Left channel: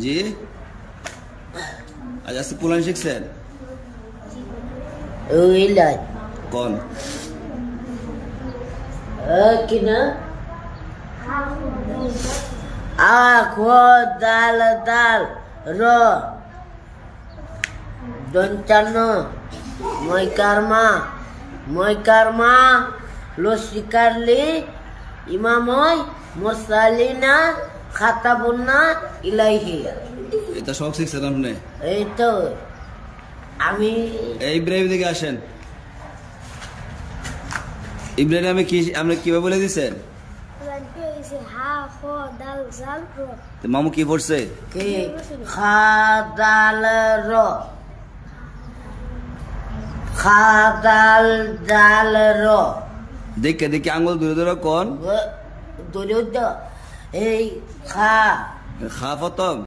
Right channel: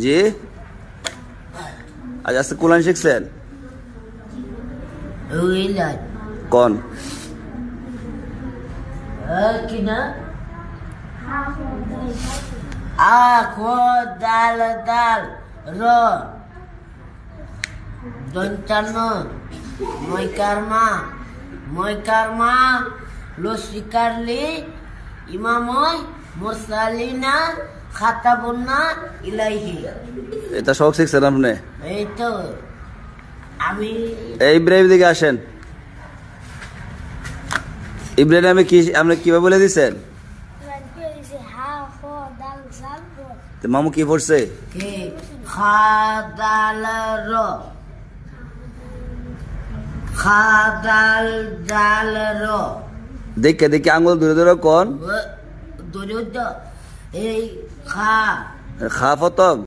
জি আজ আজকে কোরআন শিখছেন কোন কিনা দাল দাল র দন্তান্ন ময়কারমা লসিকারলি ইমাময় মুরসালিনা খাতাবুন্না ইলাইহি। এটা সব শিখছেন আপনি? এই তো আমি ইব্রাহিম দিকে আসেন। ইব্রাহিম আমি কি আপনি কিভাবে বলে দিচ্ছেন? মামু কি পড়ছে? দেখে দেখে আঙুল দূরে দূরে কোন এই খা প্রথম